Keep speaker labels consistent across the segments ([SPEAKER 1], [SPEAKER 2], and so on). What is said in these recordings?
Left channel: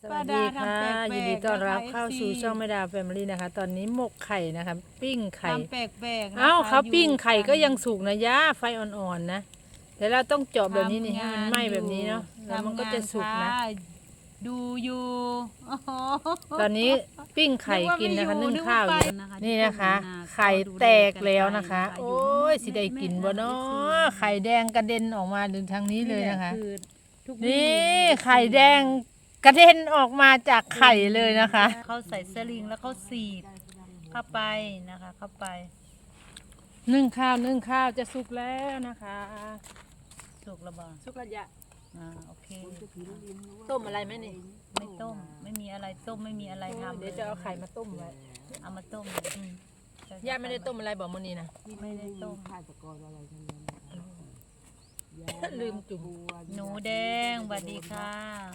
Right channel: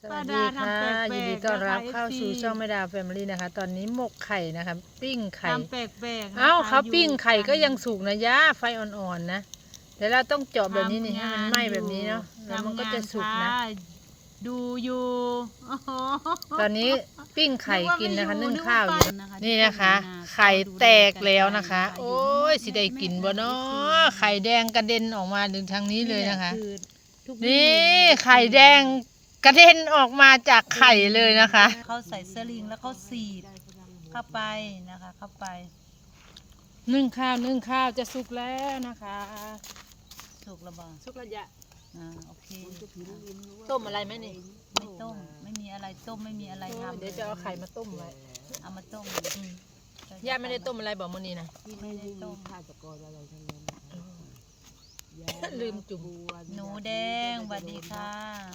[SPEAKER 1] สวัสดีค่ะยินดีต้อนรับเข้าสู่ช่องแม่ดาแฟมิลี่นะคะตอนนี้หมกไข่นะคะปิ้งไข่
[SPEAKER 2] แปลกๆ
[SPEAKER 1] เอ้าเขาปิ้งไข่ก็ยังสุกนะย่าไฟอ่อนๆนะแต่เราต้องเจาะแบบนี้นี่ให้มันไหม้แบบนี้เนาะแล้วมันก็จะสุกนะ
[SPEAKER 2] ดูอยู่
[SPEAKER 1] ตอนนี้ปิ้งไข่กินนะคะนึ่งข้าวอยู่นี่นะคะ ไข่แตกแล้วนะคะ โอ้ยสิได้กินบ่เนาะไข่แดงกระเด็นออกมาถึงทางนี้เลยนะคะนี่ไข่แดงกระเด็นออกมาจากไข่เลยนะคะ
[SPEAKER 2] เขาใส่สลิงแล้วเขาสีบเข้าไปนะคะเข้าไป
[SPEAKER 1] นึ่งข้าวจะสุกแล้วนะคะ
[SPEAKER 2] สุกแล้วบ้าง
[SPEAKER 1] สุกแล้วจ้ะ
[SPEAKER 2] โอเค
[SPEAKER 1] ต้มอะไรไหมนี่
[SPEAKER 2] ไม่ต้มไม่มีอะไรต้มไม่มีอะไรทำ
[SPEAKER 1] เดี๋ยวจะเอาไข่มาต้มไว้
[SPEAKER 2] เอามาต้ม
[SPEAKER 1] ย่าไม่ได้ต้มอะไรบอกมื้อนี้นะ
[SPEAKER 2] ไม่ได้ต้ม
[SPEAKER 3] ข้าวตะกอนอะไรทั้งนั้น
[SPEAKER 1] ลืมจุ่ม
[SPEAKER 2] หนูแดงสวัสดีค่ะ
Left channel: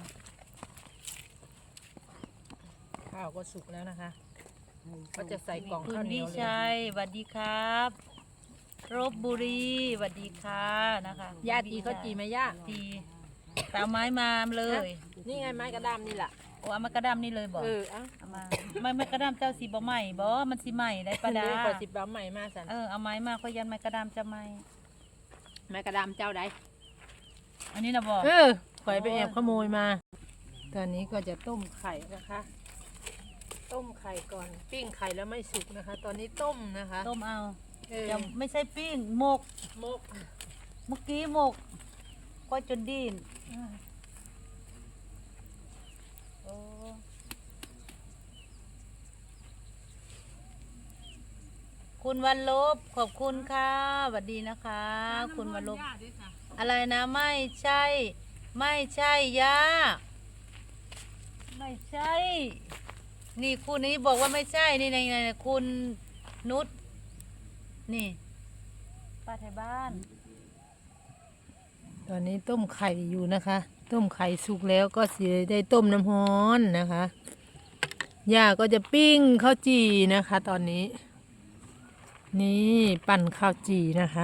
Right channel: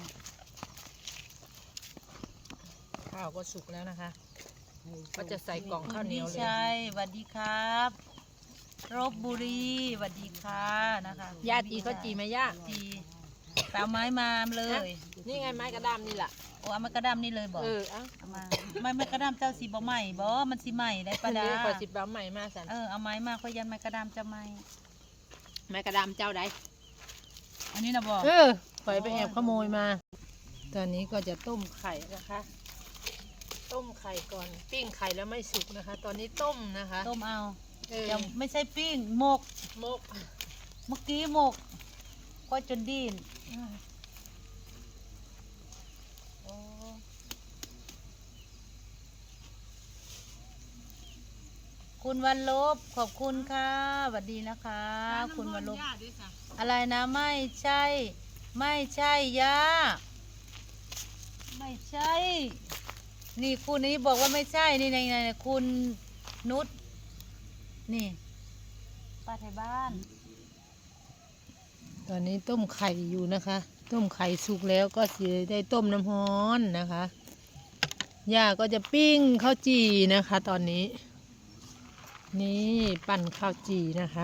[SPEAKER 1] ข้าวก็สุกแล้วนะคะก็จะใส่กล่องข้าวเหนียวเลย
[SPEAKER 2] คุณดิชัยสวัสดีครับรบบุรีสวัสดีค่ะนะคะ
[SPEAKER 1] ย่าจีเขาจีไหมย่า
[SPEAKER 2] จีตามไม้มาเลย
[SPEAKER 1] นี่ไงไม้กระดามนี่แหละ
[SPEAKER 2] โอ้เอาไม้กระดามนี่เลยบอก
[SPEAKER 1] อ่ะ
[SPEAKER 2] มาไม้กระดามเจ้าสีบ่ใหม่บ่มันสีใหม่ได้ประดา
[SPEAKER 1] ขอสิบบ้าใหม่มาสัน
[SPEAKER 2] เอาไม้มาเขายันไม้กระดามจะใหม่
[SPEAKER 1] ไม้กระดามเจ้าใด
[SPEAKER 2] อันนี้นะบอก
[SPEAKER 1] ข่อยไปแอบขโมยมาตอนนี้ก็จะต้มไข่นะคะต้มไข่ก่อนปิ้งไข่แล้วไม่สุกนะคะ ตอนนี้ต้มนะคะ
[SPEAKER 2] ต้มเอาไม่ใช่ปิ้งหมกเมื่อกี้หมกก็จนดิ้นคุณวันลบขอบคุณค่ะสวัสดีนะคะคุณวันลบอะไรนะไม่ใช่ย่าไม่ใช่นี่คุณนี้บอกว่าไม่ใช่นี่ในคุณนุชนี่ป้าไทยบ้าน
[SPEAKER 1] ตอนนี้ต้มไข่อยู่นะคะต้มไข่สุกแล้วก็สิได้ต้มน้ำร้อนนะคะย่าก็จะปิ้งข้าวจี่นะคะตอนนี้นี่ปั่นข้าวจี่นะคะ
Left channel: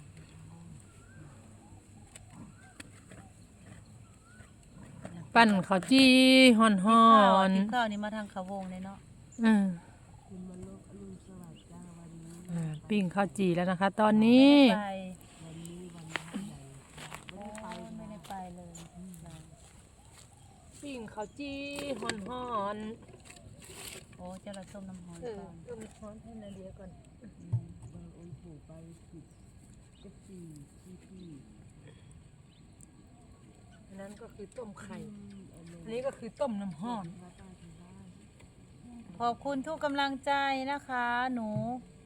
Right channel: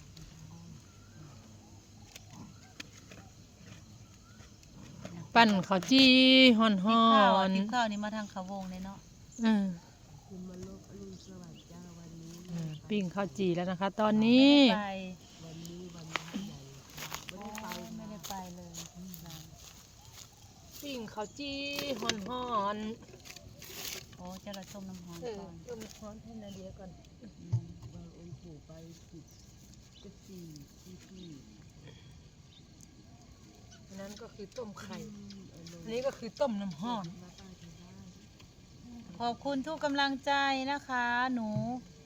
[SPEAKER 1] ปั่นข้าวจี่ห่อน
[SPEAKER 2] ติบข้าวนี่มาทางเขาวงเลยเนาะ
[SPEAKER 3] คุณมาลบอรุณสวัสดิ์จ้าวันนี้
[SPEAKER 1] ปิ้งข้าวจี่แล้วนะคะตอนนี้
[SPEAKER 3] วันนี้ใหญ่
[SPEAKER 2] ไม่ได้ไปเลย
[SPEAKER 1] ปิ้งข้าวจี่ห่อน
[SPEAKER 2] โอ้จะเราต้มน้ำร้อนก่อน
[SPEAKER 1] ต้มน้ำร้อนให้นาเดียก่อน
[SPEAKER 3] บางองค์ปู่ไปติดที่
[SPEAKER 1] นั้นก็คือต้มไข่อันนี้ก็คือต้มน้ำร้อน
[SPEAKER 2] ขอบคุณทุกกำลังใจนะคะหนู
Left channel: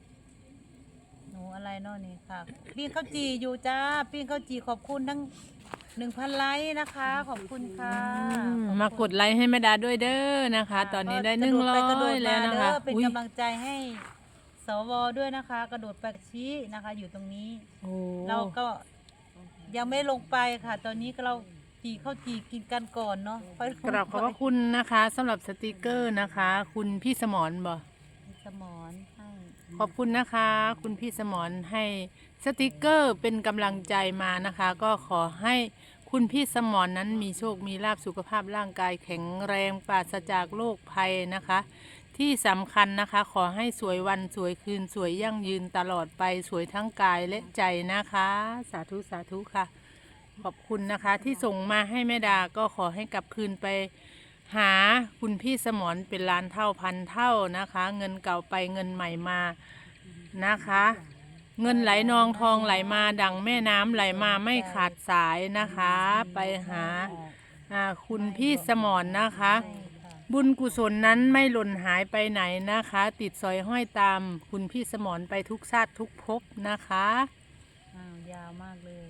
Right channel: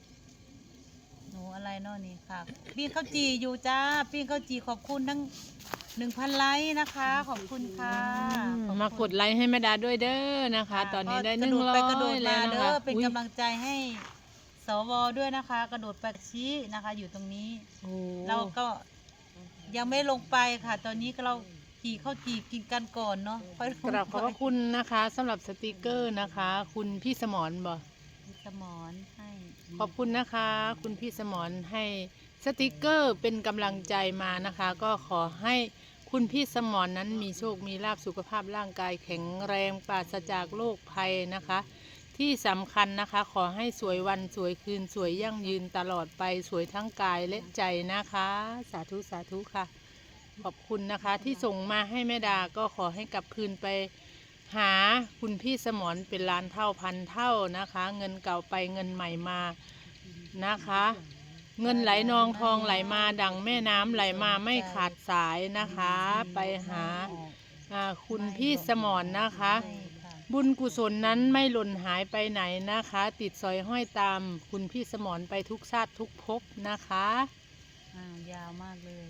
[SPEAKER 2] อะไรเนาะนี่ค่ะปิ้งข้าวจี่อยู่จ้าปิ้งข้าวจี่ขอบคุณทั้ง1,000 ไลค์นะคะขอบคุณค่ะ
[SPEAKER 1] มากดไลค์ให้แม่ดาด้วยเด้อนะคะตอนนี้ได้100แล้วนะคะ
[SPEAKER 2] เป็นกำลังใจให้สวด้วยนะคะกระโดดไปชี้นะคะอยู่ตรงนี้เราก็ยังไม่ลงไปค่ะตอนนี้เราจีข้าวจีกินกันก่อนเนาะ
[SPEAKER 1] กราบขอบคุณนะคะสำหรับสติกเกอร์นะคะคุณพี่สมรบอก
[SPEAKER 2] พี่สมรให้
[SPEAKER 1] ขอบคุณนะคะคุณพี่สมรให้สติกเกอร์เป็นกำลังใจมานะคะก็ขอให้คุณพี่สมรนั้นมีโชคมีลาภสุขภาพร่างกายแข็งแรงปราศจากโรคภัยนะคะที่สำคัญนะคะขอให้สวยวันสวยคืนสวยยั่งยืนตลอดไปสวยทั้งกายและใจนะคะสาธุสาธุค่ะขอบคุณนะคะที่ส่งมาให้แม่ดาก็ขอให้กลับคืนไปหาคุณพี่สมรเป็นล้านเท่าพันเท่านะคะเงินเก่าไปเงินใหม่มานะคะเงินไหลนองทองไหลมาดังแม่น้ำไหลมาไม่ขาดสายนะคะไปหาคุณพี่สมรนะคะบุญกุศลนั้นไม่หล่นหายไปไหนนะคะติดสอยห้อยตามคุณพี่สมรไปทุกชาติทุกภพนะคะ
[SPEAKER 2] ยาวมากเลย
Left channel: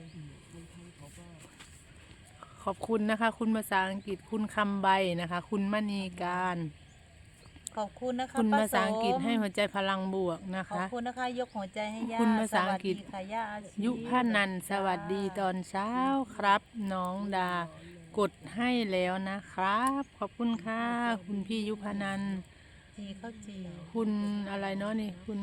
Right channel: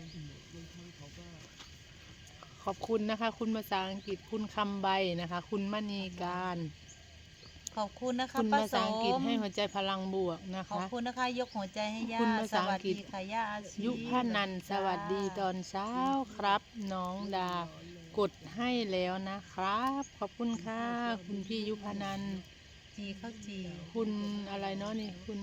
[SPEAKER 1] ขอบคุณนะคะคุณภาษาอังกฤษคุณคำใบนะคะคุณมณีการ
[SPEAKER 2] ขอบคุณนะคะ
[SPEAKER 1] คุณภาษาอังกฤษให้หัวใจพลังบวกนะคะ
[SPEAKER 2] ขอบคุณนะคะยกหัวใจให้ย่า
[SPEAKER 1] คุณภาษาอังกฤษ
[SPEAKER 2] ค่ะย่าอาชี
[SPEAKER 1] ยุพนันสวัสดีตอนเช้าครับน้องดากดให้แล้วนะครับขอบคุณค่ะคุณพี่ยุพนัน
[SPEAKER 2] จีข้าวจี
[SPEAKER 1] คุณอะไรเนาะนี่คุณ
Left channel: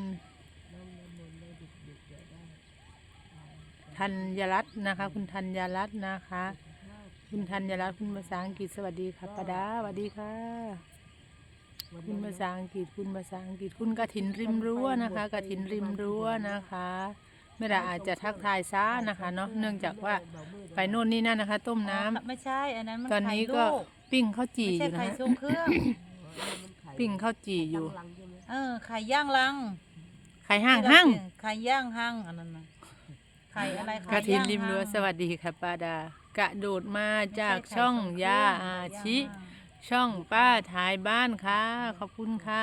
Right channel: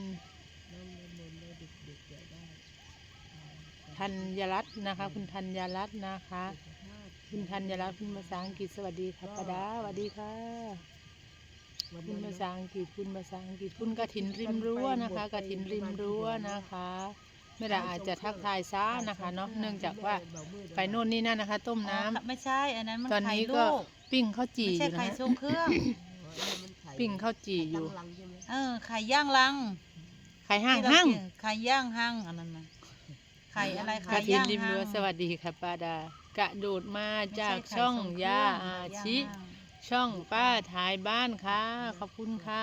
[SPEAKER 1] ธัญรัตน์นะคะคุณธัญรัตน์นะคะคุณธัญรัตน์คุณภาษาอังกฤษสวัสดีค่ะปาดาสวัสดีค่ะคุณภาษาอังกฤษคุณภาษาอังกฤษคุณกฐินริมรั้วนะคะกฐินริมรั้วนะคะไม่ได้อาจจะทักทายซ้านะคะเนาะเนื่องจากว่าไปโน่นนี่นั่นนะคะ ต้มน้ำ
[SPEAKER 2] ไม่ใช่อันนั้นมัน
[SPEAKER 1] ตอน
[SPEAKER 2] ไข่
[SPEAKER 1] นี้
[SPEAKER 2] ลู
[SPEAKER 1] ก็
[SPEAKER 2] ก
[SPEAKER 1] ปิ้งข้าวจี่
[SPEAKER 2] ไม่
[SPEAKER 1] อ
[SPEAKER 2] ใช่
[SPEAKER 1] ยู่นะ
[SPEAKER 2] ไข่
[SPEAKER 1] ฮะ
[SPEAKER 2] ทรงเครื่อง
[SPEAKER 1] ปิ้งข้าวจี่อยู่
[SPEAKER 3] ลังใช่ไหม
[SPEAKER 2] ไข่ย่างลัง
[SPEAKER 1] ไข่ห้าง
[SPEAKER 2] ที่เร
[SPEAKER 1] ห้าง
[SPEAKER 2] กินไข่ย่างห้างอันนั้นนะไข่อะไร
[SPEAKER 1] ก
[SPEAKER 2] ไข่
[SPEAKER 1] ฐิน
[SPEAKER 2] ย่าง
[SPEAKER 1] ริมรั้ว
[SPEAKER 2] ห้าง
[SPEAKER 1] สวัสดีค่ะป้าดากระโดดมาจาก
[SPEAKER 2] ไม่ใไข่
[SPEAKER 1] ช่อง
[SPEAKER 2] ทรเครื่
[SPEAKER 1] ยา
[SPEAKER 2] ไข่
[SPEAKER 1] อา
[SPEAKER 2] ย่ง
[SPEAKER 1] ชิ
[SPEAKER 2] ห้าง
[SPEAKER 1] ช่องป้าถ่ายบ้านค่ะขอบคุณค่ะ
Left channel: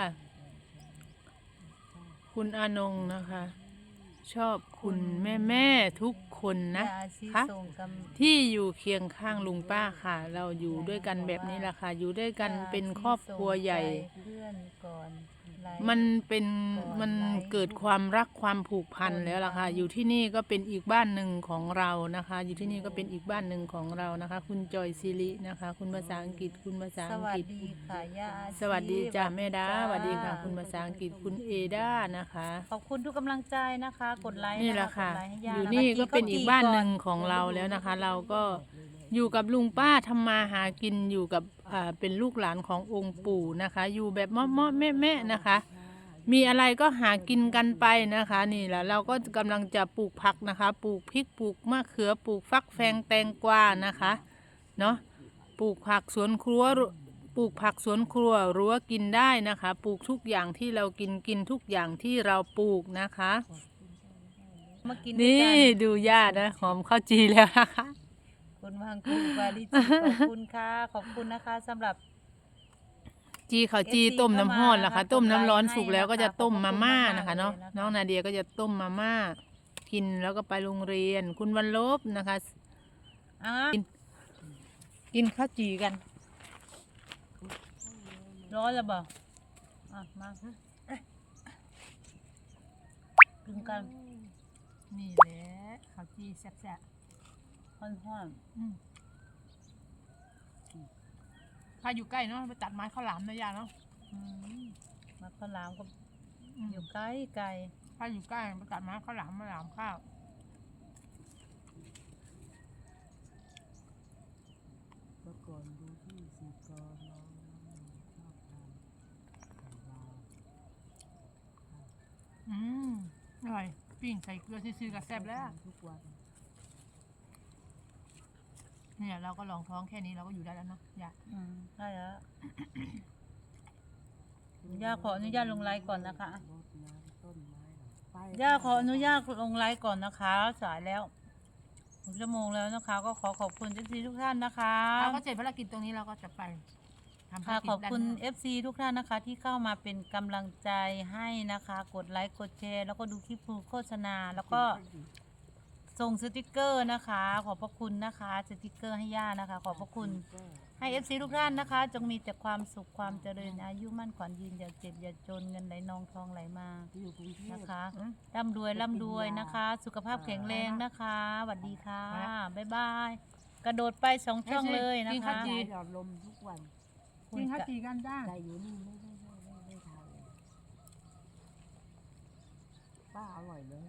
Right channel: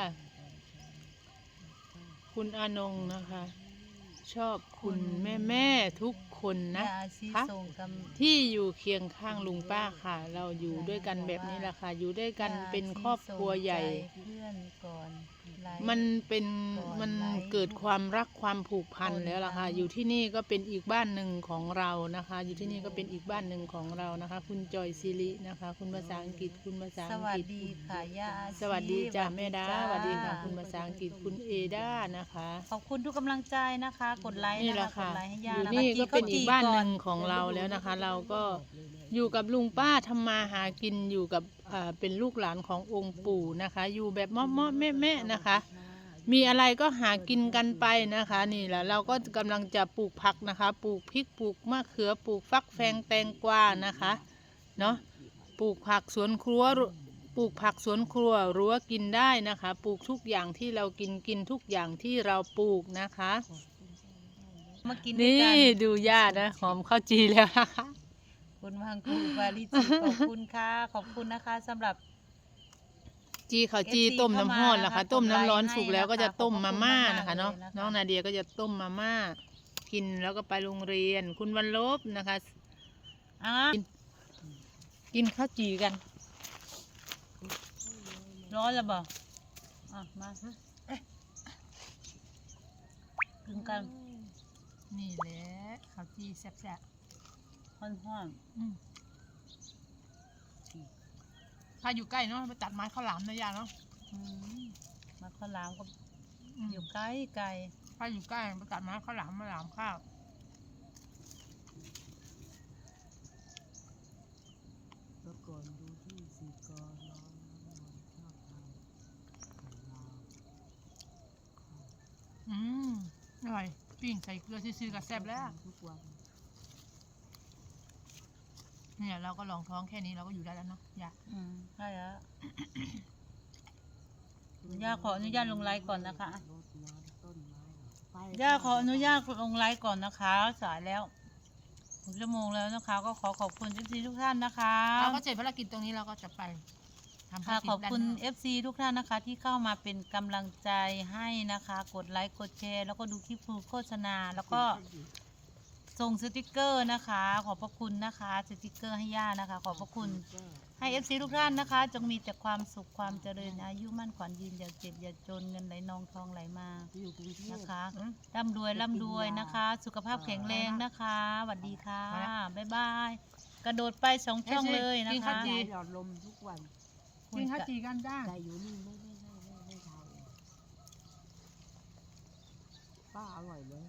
[SPEAKER 1] คุณอานงนะคะ ชอบคุณแม่ทุกคนนะ
[SPEAKER 2] ยาอาชิ
[SPEAKER 1] คะ
[SPEAKER 2] ส่งก
[SPEAKER 1] ที่อยู่เคียงข้างลุงป้าค่ะ เราอยู่ด้วยกันแบบนี้แหละค่ะ อยู่ด้วยกันเป็นครอบครัวใหญ่
[SPEAKER 2] เพื่อนก่อนไลฟ์
[SPEAKER 1] มันเป็น
[SPEAKER 2] ก่อน
[SPEAKER 1] มัน
[SPEAKER 2] ไลฟ์
[SPEAKER 1] เกิดความรักความผูกพัน
[SPEAKER 2] ก่อน
[SPEAKER 1] แล้วล่ะค่ะ
[SPEAKER 2] ไลฟ์
[SPEAKER 1] อยู่ที่นี่ก็เป็นอีกบ้านหนึ่งของเรานะคะ อยู่ที่นี่ก็เป็นอีกบ้านหนึ่งของเรานะคะ คุณจอยซิรินะคะ คุณภาษาอังกฤษคุณภาษา
[SPEAKER 2] ส
[SPEAKER 1] อัง
[SPEAKER 2] วั
[SPEAKER 1] ก
[SPEAKER 2] ส
[SPEAKER 1] ฤษ
[SPEAKER 2] ดีค่ะยาอาชิ
[SPEAKER 1] สวัสดีจ้าแม่ดา
[SPEAKER 2] จ้
[SPEAKER 1] สวัสดีค่ะ คุณภาษาอังกฤษคุณเอดานะคะ
[SPEAKER 2] ขอบคุณทุกกำลังใจนะคะ กดไลค์
[SPEAKER 1] นี่
[SPEAKER 2] นะ
[SPEAKER 1] แหละ
[SPEAKER 2] คะก
[SPEAKER 1] ค่ะ
[SPEAKER 2] ดไลค์ให้า
[SPEAKER 1] อยยู่
[SPEAKER 2] ะคะ
[SPEAKER 1] นี่ก็เป็น
[SPEAKER 2] จี
[SPEAKER 1] อีกบ้านหนึ่ง
[SPEAKER 2] ก่อ
[SPEAKER 1] ของเราแล้วนะคะ เราก็อยู่กับลุงป้าทำมาหากินอยู่กับเป็นลูกหลานขององค์ปู่นะคะ อยู่แบบเมาะๆแม่ๆนะคะ มีอะไรก็หากินกันไปนะคะ นี่แหละเราก็กำลังจะปลูกผักนะคะ ปลูกพริกปลูกมะเขือปลูกฟักแฟงแตงกวานะคะเนาะปลูกผักสวนครัวปลูกผักสวนครัวรั้วกินได้นะคะ ปลูกทุกอย่างที่เรากินทุกอย่างที่เราปลูกนะคะ
[SPEAKER 2] มากินด้วย
[SPEAKER 1] นี่
[SPEAKER 2] กัน
[SPEAKER 1] ดูย่านะหอมข้าวจีแล้วนะคะ
[SPEAKER 2] คุณวังคูปาริจิขอบคุณค่ะ ขอบคุณนะคะสำหรับ
[SPEAKER 1] จีข้าวจี
[SPEAKER 2] FC
[SPEAKER 1] ต้มน้ำร้อน
[SPEAKER 2] เข้ามา
[SPEAKER 1] นะคะ
[SPEAKER 2] นะคะ
[SPEAKER 1] ต้มน้ำร้อน
[SPEAKER 2] กดไลค์
[SPEAKER 1] สุกแล้วก็จะ
[SPEAKER 2] ให้นะคะ
[SPEAKER 1] ต้มมาม่า
[SPEAKER 2] ขอบคุณ
[SPEAKER 1] นะคะเนาะ
[SPEAKER 2] มากๆเลยนะคะ
[SPEAKER 1] น้องนาเดียก็จะต้มมาม่ากินแล้วก็ไปโรงเรียน คุณวันลบนะคะ
[SPEAKER 2] อ่ะ
[SPEAKER 1] กินข้าวจีกัน
[SPEAKER 2] ร้อนแล้วบอกมากินกัน
[SPEAKER 1] นี่แหละข้าวจีแซ่บ
[SPEAKER 2] ห้อน
[SPEAKER 1] ๆถ้าอยู่ใกล้เนาะไปตัดไม้ข้าวหลามนะย่าเนาะ
[SPEAKER 2] ๆมาข้าวหลามก็อยู่ใกล้ไกล
[SPEAKER 1] ถ้าอยู่ใกล้ไปตัดไม้ข้าวหลามมาหลามข้าว
[SPEAKER 3] เมื่อก่อนดูที่สีกอน้องน้ำนวลชอบทานไข่ดาว
[SPEAKER 1] อร่อยปิ้งใส่เกลือซื่อๆกับแซ่บแล้ว
[SPEAKER 3] ทุกวัน
[SPEAKER 1] เนี่ยเราก็ลองท้องแค่นี้เราก็อยู่ได้แล้วเนาะย่า
[SPEAKER 2] ใช่แล้ว ย่าขออนุญาตลงไลฟ์ก่อนนะคะ
[SPEAKER 3] รดน้ำต้นไม้เหรอไป
[SPEAKER 2] ย่าขออนุญาตลงไลฟ์ก่อนนะคะ สายแล้ว1 ชั่วโมงแล้วนะคะ ก็ขอขอบคุณ FC ทุกท่านนะคะ
[SPEAKER 1] เราก็เสร็จภารกิจตรงนี้เราก็จะไปทำภา
[SPEAKER 2] ค่ะ
[SPEAKER 1] รกิจ
[SPEAKER 2] ขอบคุณ
[SPEAKER 1] ด้านนอก
[SPEAKER 2] FC ทุกท่านนะคะ ที่เข้ามาเป็นกำลังใจให้นะคะ กดไลค์กดแชร์แล้วก็ดูคลิปโฆษณา แล้วก็ส่งสติกเกอร์นะคะ ขอบพระคุณนะคะสติกเกอร์ให้ย่านะคะ ขอบพระคุณ ให้ FC ทุกท่านนะคะ จงมีแต่ความสุขความเจริญอายุมั่นขวัญยืนอย่าเจ็บอย่าจนเงินไหลนองทองไหลมา
[SPEAKER 3] ที่อยู่กรุงเทพ
[SPEAKER 2] นะคะร่ำรวยนะคะ สุขภาพแข็งแรงนะคะสวัสดีค่ะ บ๊ายบาย กระโดดไป2 ช่องเลยนะ
[SPEAKER 1] กิน
[SPEAKER 2] คะ
[SPEAKER 1] ข้าวจี่
[SPEAKER 3] หยอดลมทุกวัน
[SPEAKER 1] กินข้าวจีกันจ้า
[SPEAKER 3] แต่อยู่นี่ไม่ทานเลยป้าอร่อยเลย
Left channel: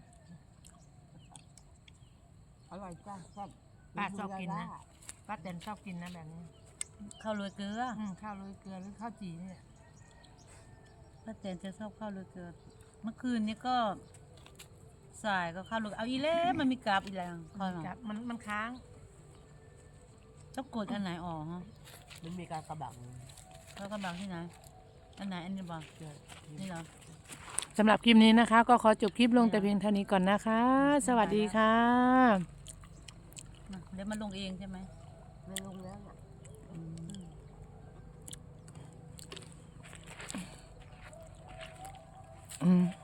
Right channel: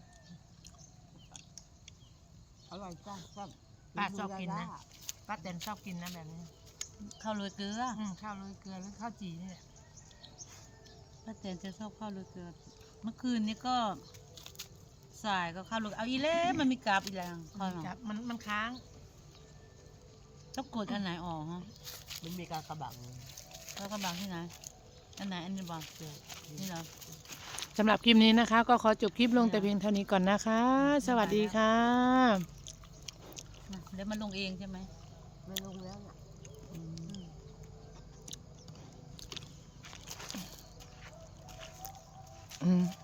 [SPEAKER 3] อร่อยจ้าแซ่บ
[SPEAKER 1] ป้าชอบกินนะป้าแตนชอบกินนะแบบนี้
[SPEAKER 2] ข้าวโรยเกลือ
[SPEAKER 1] ข้าวโรยเกลือหรือข้าวจีนี่แหละ
[SPEAKER 2] ป้าแตนจะชอบข้าวโรยเกลือเมื่อคืนนี้ก็สายก็ข้าวโรยเอาอีเล่มันมีกราบอีกแล้วคอยหน่อย
[SPEAKER 1] จับมันค้าง
[SPEAKER 2] ต้องกดอันไหนออกฮะ
[SPEAKER 3] มันมีการกระบัง
[SPEAKER 2] แล้วกำลังที่ไหนอันไหนอันนี้บ้างนี่เหรอ
[SPEAKER 1] สำหรับคลิปนี้นะคะ ก็ขอจบคลิปลงแต่เพียงเท่านี้ก่อนนะคะ สวัสดีค่ะ
[SPEAKER 2] เดี๋ยวมันลงเองใช่ไหม
[SPEAKER 3] ไม่ลงแล้วน่ะ
[SPEAKER 2] อืม